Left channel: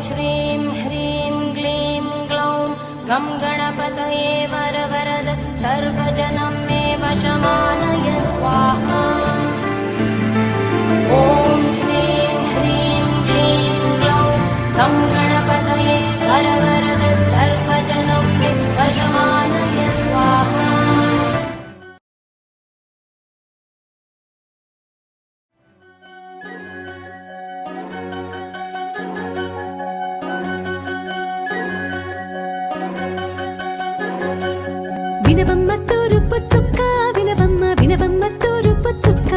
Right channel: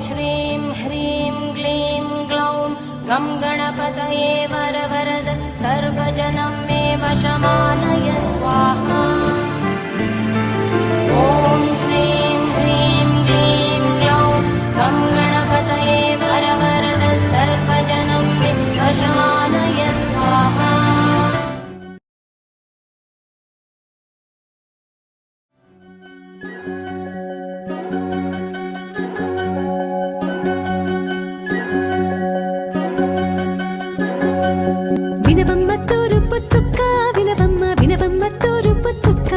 श्रीं ह्रीं क्लीं ग्लौं गं गणपतये वरवरद सर्वजनं मे वशमानय स्वाहा। ॐ श्रीं ह्रीं क्लीं ग्लौं गं गणपतये वरवरद सर्वजनं मे वशमानय स्वाहा। వినవమ్మ తూరుపు చుక్క వినవమ్మ వినవమ్మ తూరుపు చుక్క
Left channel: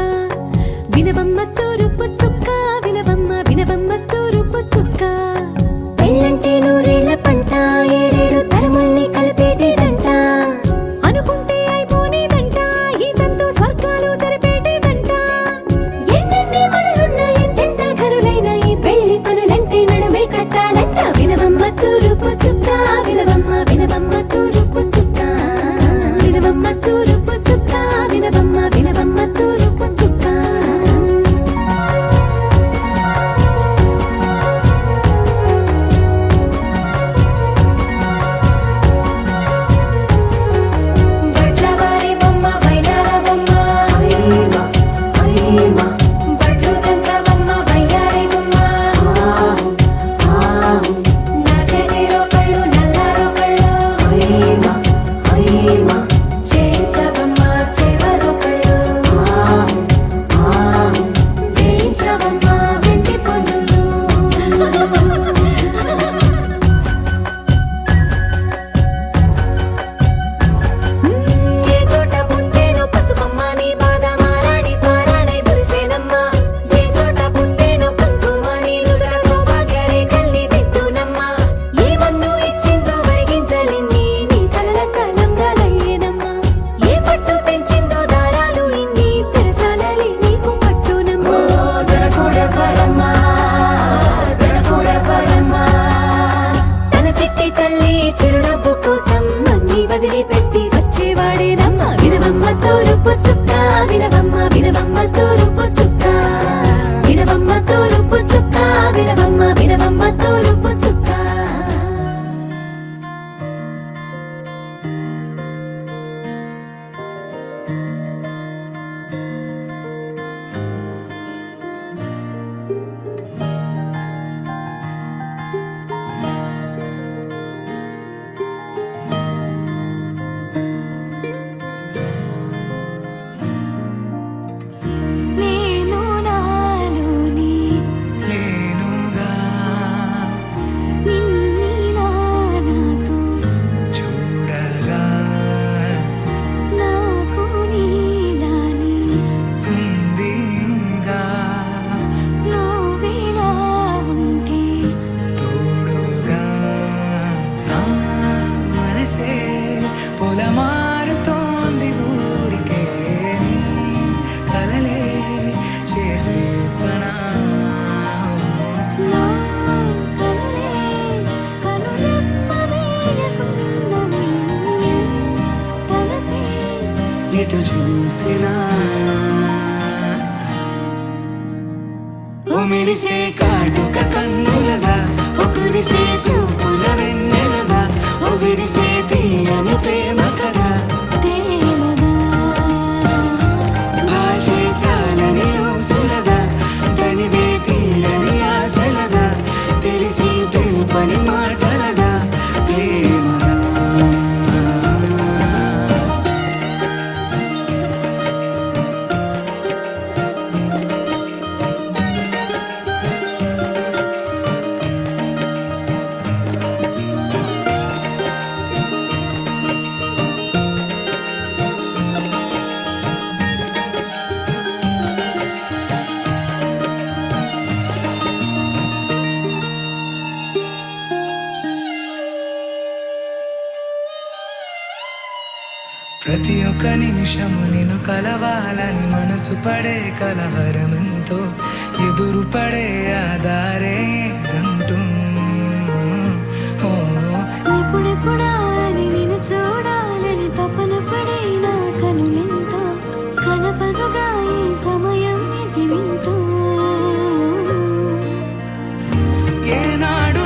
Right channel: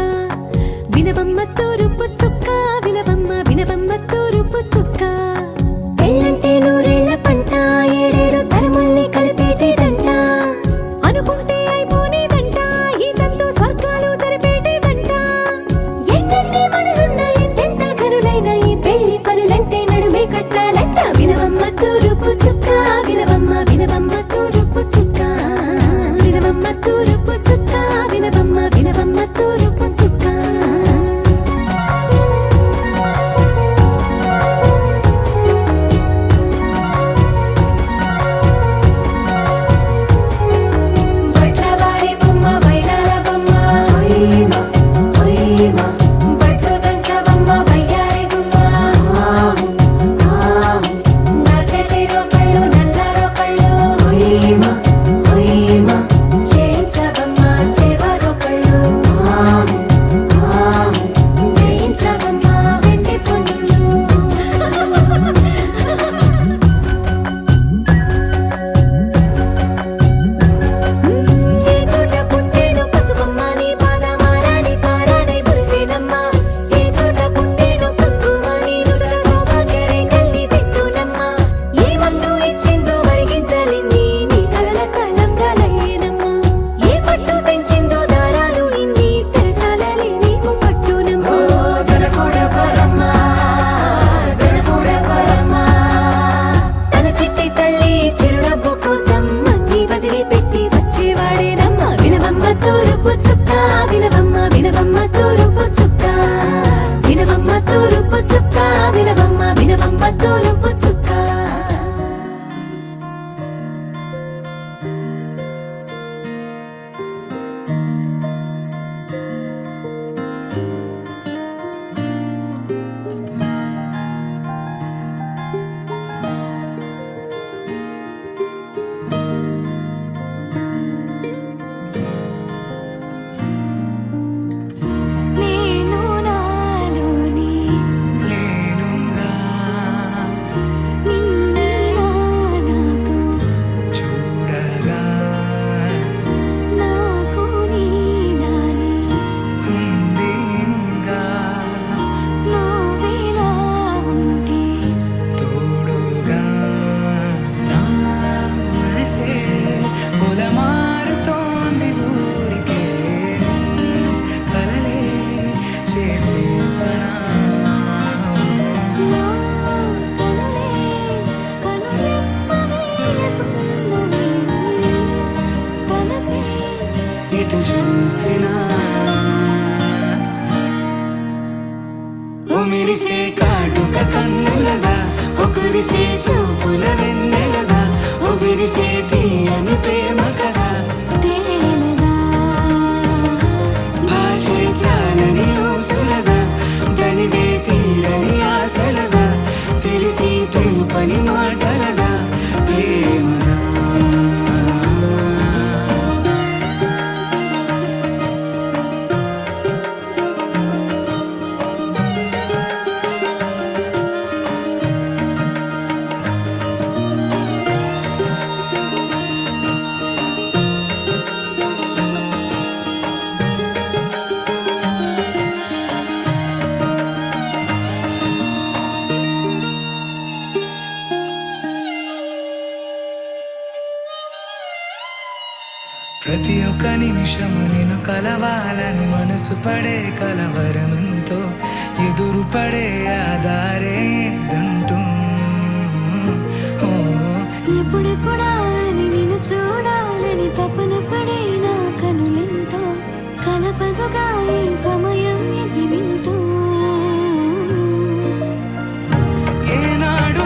వినవమ్మ తూరుపు చుక్క వినవమ్మ వినవమ్మ తూరుపు చుక్క పెళ్ళంటే నూరేళ్ల పంట ఏడేడు తరముల్ని కలిపేటేదంట అనుకుంటే అయిపోనేదంట ఈ తంతు స్వర్గాలు జరిపేటేదంట ఎన్నెన్ని మనులున్న ఎంతెంత ఘనులైన ఈ పెళ్లి పనులంటే నడుమే కట్టాలంట వినవమ్మ తూరుపు చుక్క వినవమ్మ వినవమ్మ తూరుపు చుక్క వినవమ్మ తూరుపు చుక్క వినవమ్మ వినవమ్మ తూరుపు చుక్క వడ్లవారి బొమ్మ వైరాల బొమ్మ ఓయమా ఓయమా బట్లు దంచవమ్మ వయ్యారి గుమ్మ నా చేతిలో కళ్ళు నల్లారో కళ్ళు ఓయమా ఓయమా చేయించవమ్మ చేవరో కళ్ళు వేయించవమ్మ వెండి పన్నులు ఏ చోట పుట్టేనో పసుపమ్మ నీ పాదమారాణి పారాణై మురిసేనమ్మ ఏ చోట పుట్టేనో కుంకుమ నీ నుదుట సౌభాగ్య రేఖల్ని దిద్దునమ్మ ఏ మందు ఇచ్చిందో వరిగించలిన్ని నీ కలల కలంగాలయ్యేనమ్మ ఏ పట్టు తెంచిందో దారాలు ఇన్ని తెరసాలలే నీకు పట్టునమ్మ తన చిట్టి తల్లి చిరునవ్వు కోసం అన్ని వదిలిపెట్టి వచ్చేవాడేనమ్మ వినవమ్మ తూరుపు చుక్క వినవమ్మ వినవమ్మ తూరుపు చుక్క వినవమ్మ తూరుపు చుక్క వినవమ్మ వినవమ్మ తూరుపు చుక్క నేను నాలోని లేనుగా నిన్ని నాతో చూడగా నాకు నీలాని ఉందిగా నువ్విలా ఉంటే తోడుగా నా మనసే పొలమారుతోంది ఊరికే నీ కలలే చేసే పనా నా కనులే కనురెప్ప వేయకున్నవి తలపై ఎటు చూసినా ఓ మెరిసే కాటుక కన్నులదా ఓ కురిసే చూపుల వెన్నెలదా ఓ విరిసే తీయని ప్రేమ కదా తేలదా భాషే చాలని ఊసులదా తనివే తీరని ఆశలదా తెలిసి తెలుపని మాటలదా ప్రేమదా ప్రతి ఒక్క నిమిషము నిన్ను కలవాలని మనసు పడే కలవరమెంతో ఎదురు పడే ఆధారేదంటూ ఓ ఎప్పుడెప్పుడా అని నిన్ను చూడాలని తపన పడే నా కనులెంతో కలపదుగా ఈ సమయం ఇది వింటూ ఏనాడు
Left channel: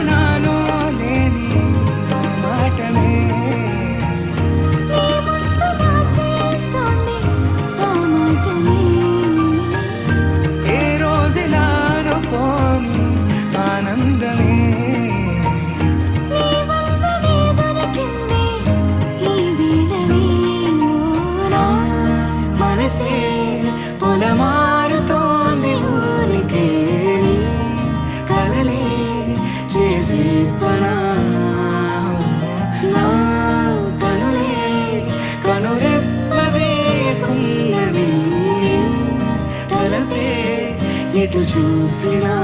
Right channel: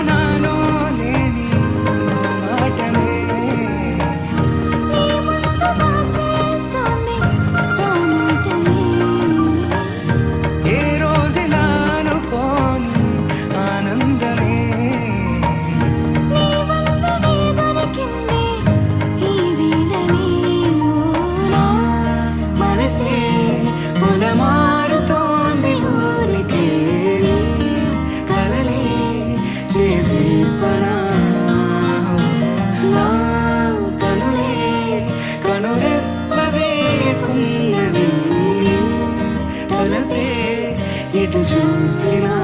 ఆనందమే. నీ వల్లనే దొరికింది ఈ వేళనే. ఓ నా మనసే పొలమారుతోంది ఊరికే, నీ కలలే చేసే పనా. నా కనులే కనురెప్పవే కున్నవి, తలపే ఎటు చూసినా.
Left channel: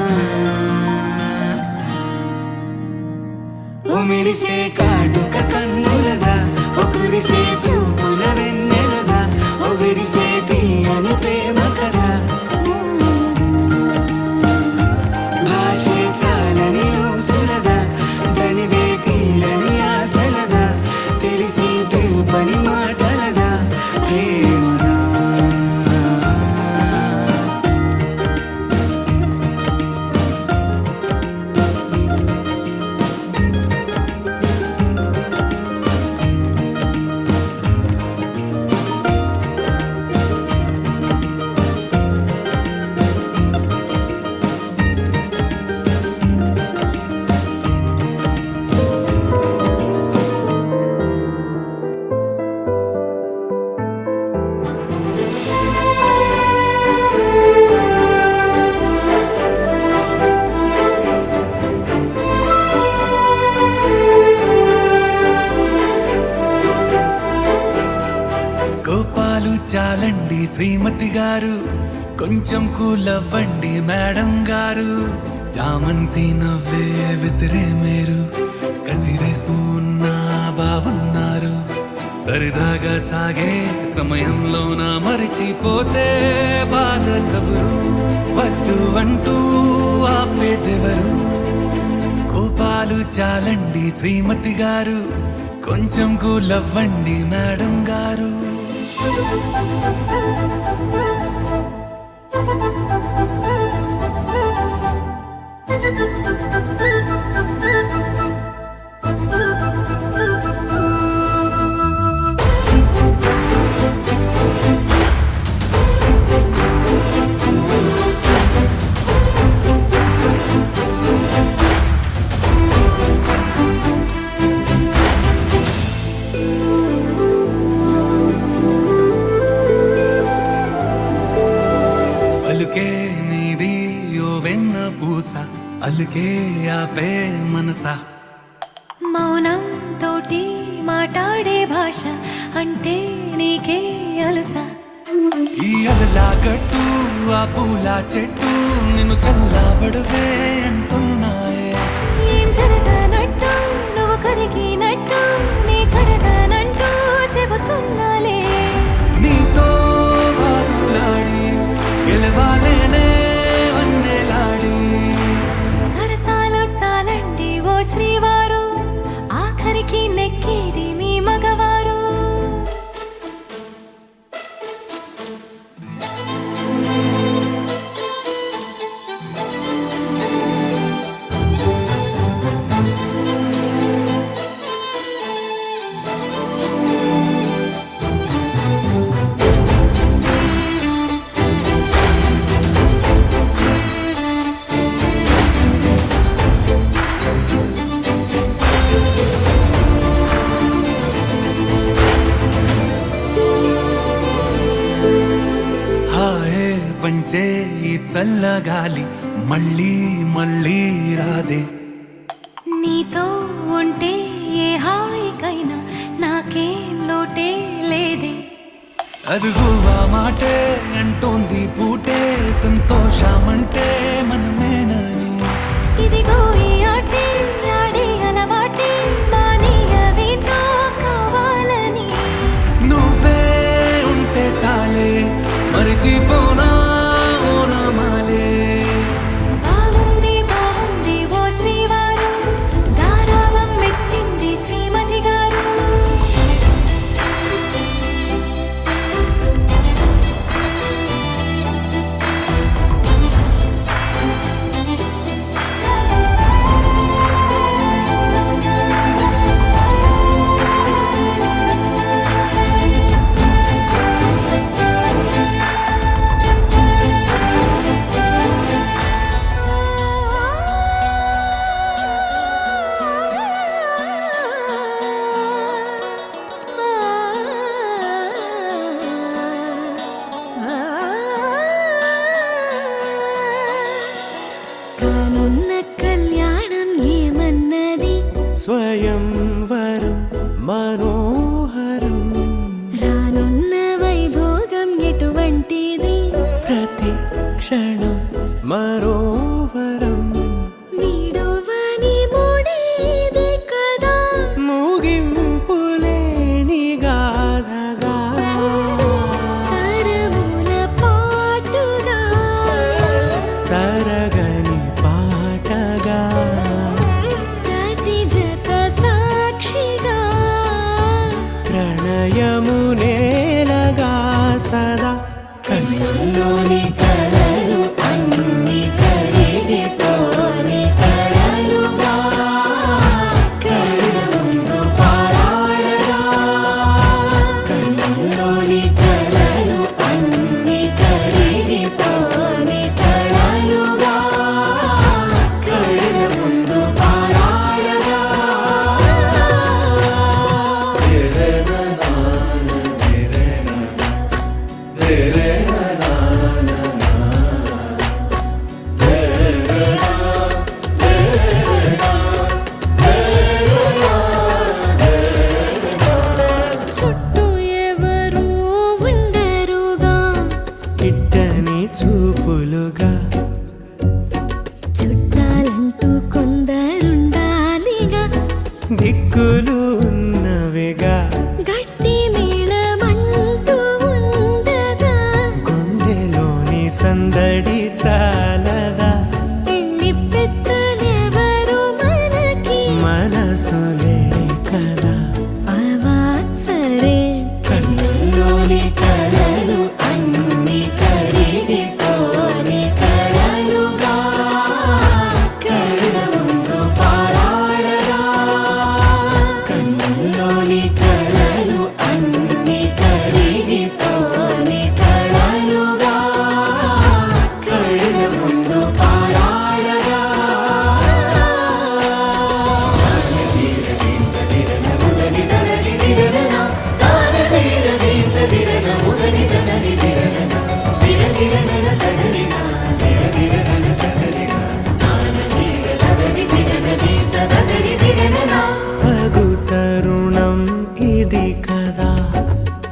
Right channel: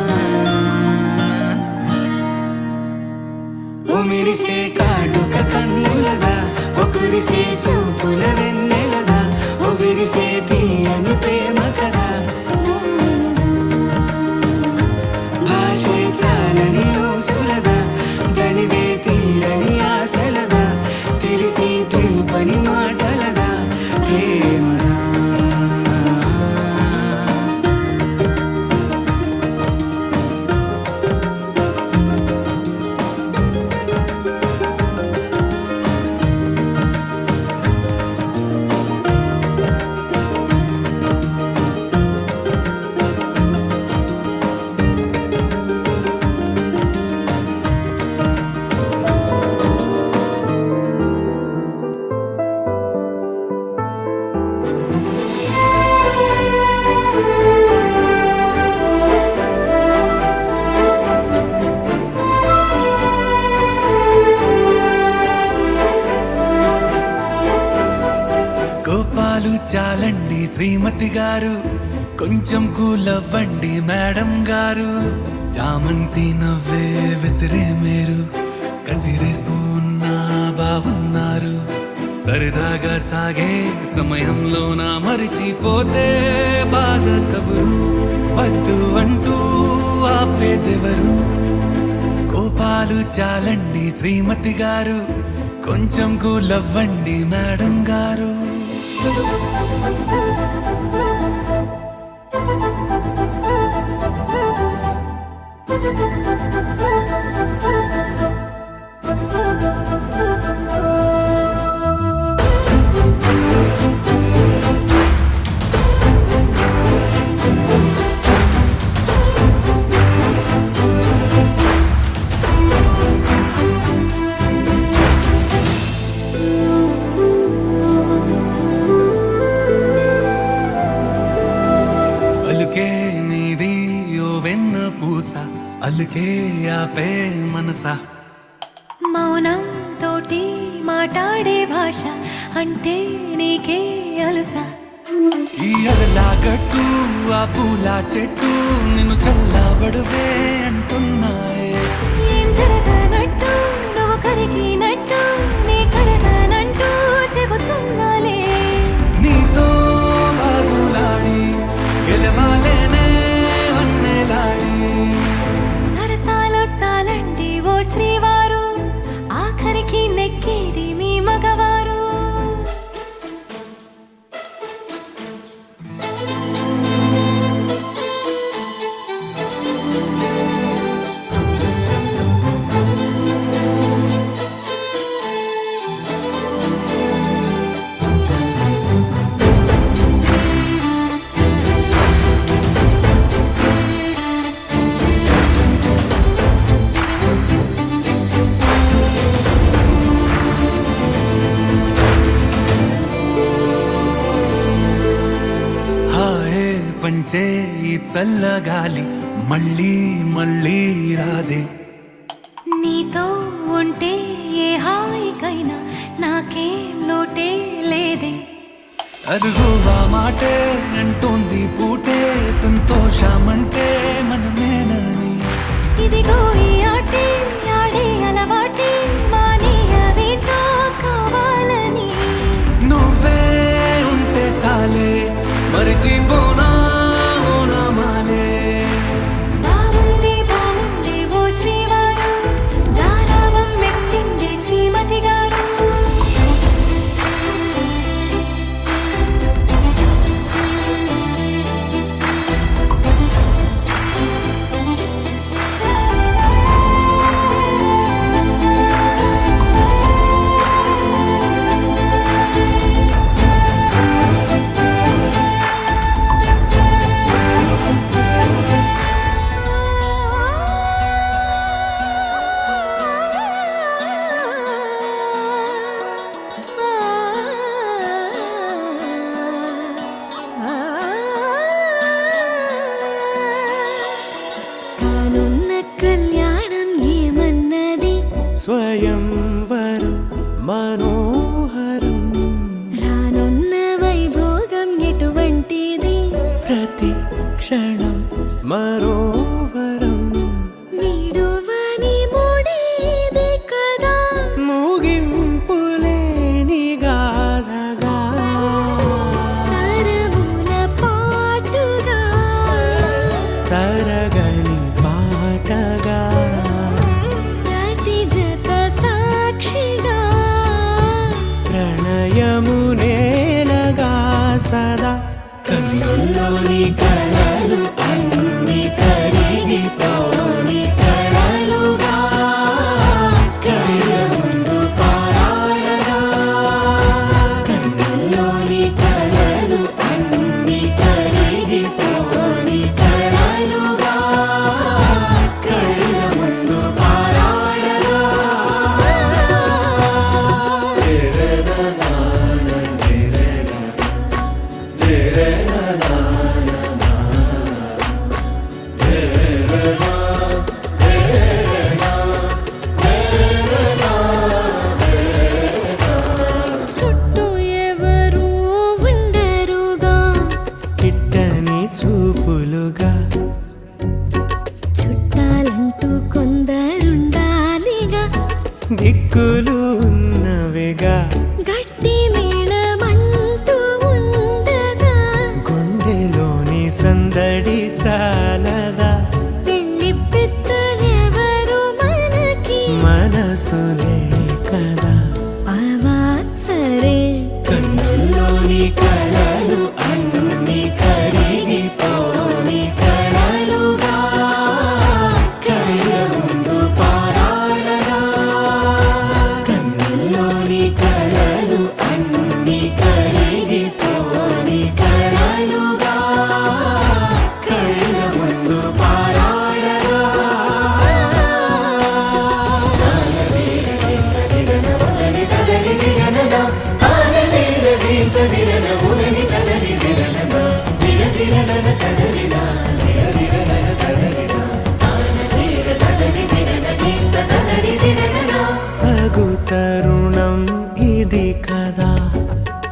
ఓ మెరిసే కాటుక కన్నులదా, ఓ కురిసే చూపుల వెన్నెలదా, ఓ విరిసే తీయని ప్రేమ కదా. భాషే చాలని ఊసులదా, దనివే తీరని ఆశలదా, తెలిసి తెలుపని మాటలదా ప్రేమదా. కోపాలు చాలండి శ్రీమతి గారు, కొంచెం కూలవ్వండి మేడం గారు. చామంతి నవ్వే విసిరే మేరు, కసిరేస్తూ ఉన్నా బావున్నారు. సరదాగా సాగే సమయంలోన మరిచిపోతే బాధ కబురు, వద్దు అంటూ ఆపేదెవరు. కోపాలు చాలండి శ్రీమతి గారు, కొంచెం కూలవ్వండి మేడం గారు. అలుకే నీది ఓ వెన్న పూస, అలుకే ఆపే మనసా. మౌనం తోటి మాట్లాడే భాష అంటే నీకే అలసా. ఈ అలలా గట్టు ఆ పూల చెట్టు నిన్ను చల్లబడువే అంటున్నాయే. ఏం జరగనట్టు నువ్వు కరిగినట్టు నీ కరగనంటూ చెబుతున్నాలే. నీతో వాదులాడి గెలవాలేనే వన్నెలాడి. సరసాలు చాలండి ఓ శ్రీవారు, ఆఖరికి నెక్కేది మీ మగవారు. హాయే పంచే ఈ చల్లగాలి మళ్ళీ మళ్ళీ రాదే. నీతో ఉంటే ఏ హాయికైనా నాకేం లోటే లేదే. అదుగు ఆ మాటే అంటోంది పూటే, సంతోషమంటే మనమేనని. ఇదిగో ఈ ఆటే ఆడే అలవాటే, మానేయవేంటో కావాలని. నువ్వే ఉంటే చాలే మరిచిపోనా ఓనమాలే. బాగుంది బాగుంది ఓ శ్రీవారు, గారాబం మెచ్చింది శ్రీమతి గారు. స్వయంవరం మనోహరం రానున్న వైభోగం ఎటువంటిది ప్రతి క్షణం మరోవరం వీడువని మూడేది కదా ముగింపులేని గాథగా తరముల పాటుగా తరగని పాటగా ప్రతి జత సాక్షిగా ప్రణయము నేలగా సదా కన్నుల్లోని కలలు అన్ని కరిగిపోని కలలుగా కళ్ళ ముందు పారాడగా కన్నుల్లోని కలలు అన్ని కరిగిపోని కలలుగా కళ్ళ ముందు పారాడగా చుట్టూ ఎవరు ఉండరుగా కిట్టని చూపులుగా చుట్టాలంటూ కొందరుండాలిగా దిక్కులు ఉన్నవిగా గట్టి మేళమంటూ ఉండదా గుండెలోని సందడి చాలదా పెళ్లి పెద్దలెవరు మనకి మనసులే కదా అవాసరే కన్నుల్లోని కలలు అన్ని కరిగిపోని కలలుగా కళ్ళ ముందు పారాడగా కన్నుల్లోని కలలు అన్ని కరిగిపోని కలలుగా కళ్ళ ముందు పారాడగా తగు తరుణం ఇది కదా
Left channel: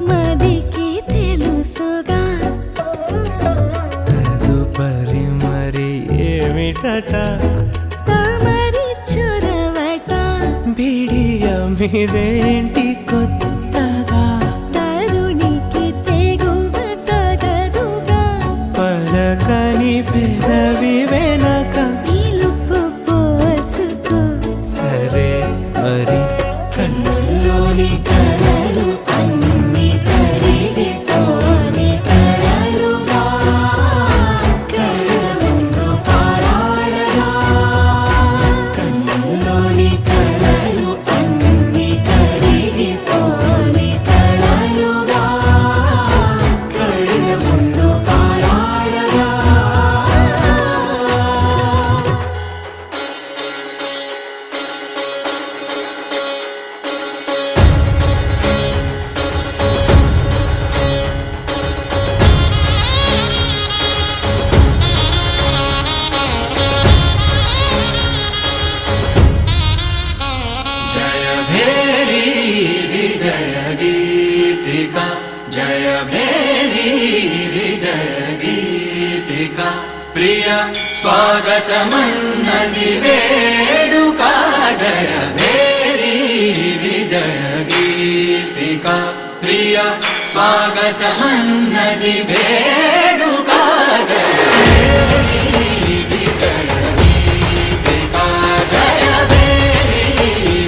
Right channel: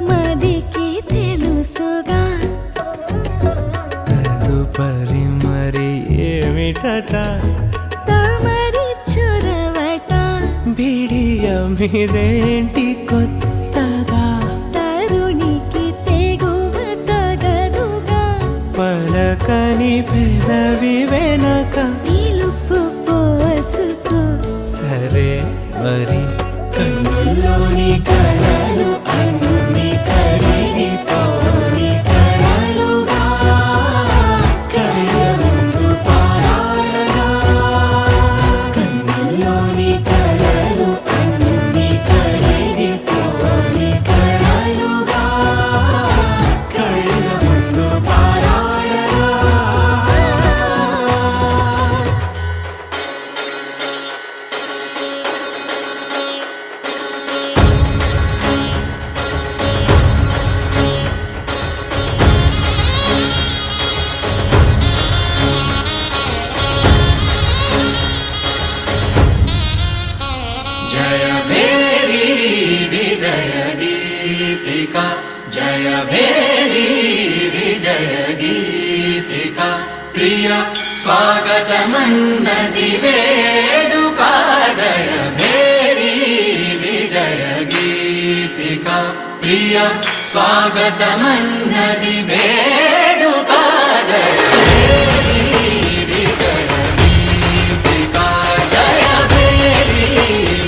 మదికి తెలుసుగా తదుపరి మరి ఏమిటట తమరి చొరవట బిడియమిదేంటి కొత్తగా తరుణికి తెగువ తగదుగా పలకని పెదవి వెనక పిలుపు పోల్చుకో సరే మరి కన్నుల్లోని కలలు అన్ని కరిగిపోని కలలుగా కళ్ళ ముందు పారాడగా కన్నుల్లోని కలలు అన్ని కరిగిపోని కలలుగా కళ్ళ ముందు పారాడగా ప్రియ స్వాగతమన్నది వేడుక జయ మేరీ విజయ గీతిక ప్రియ స్వాగతమన్నది వేడుక జయ మేరీ విజయ గీతిక జయ మేరీ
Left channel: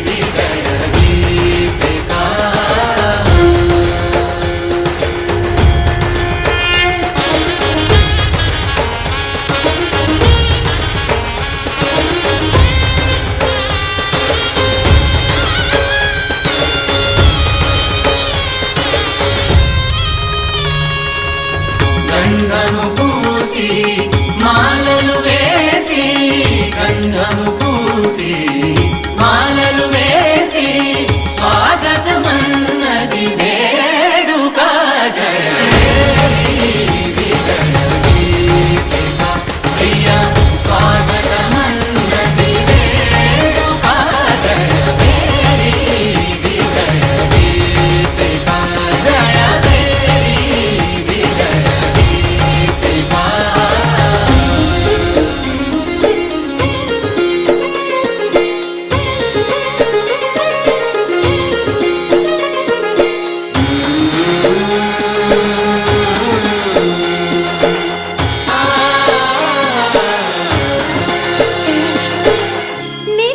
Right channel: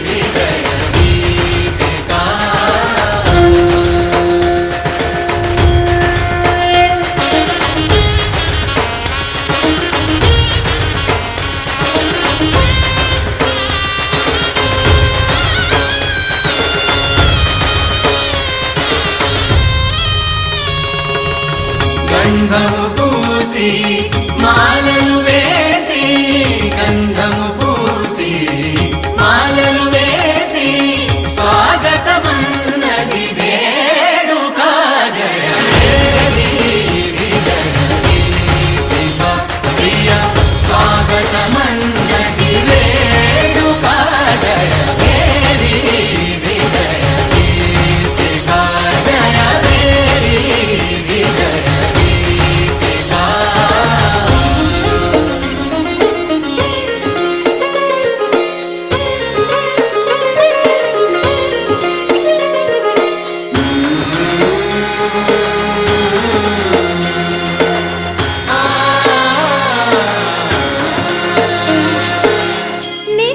విజయ గీతిక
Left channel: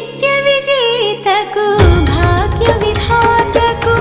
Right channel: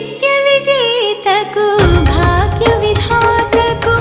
నిత్య విజేతకు భాగ్య విధాతకు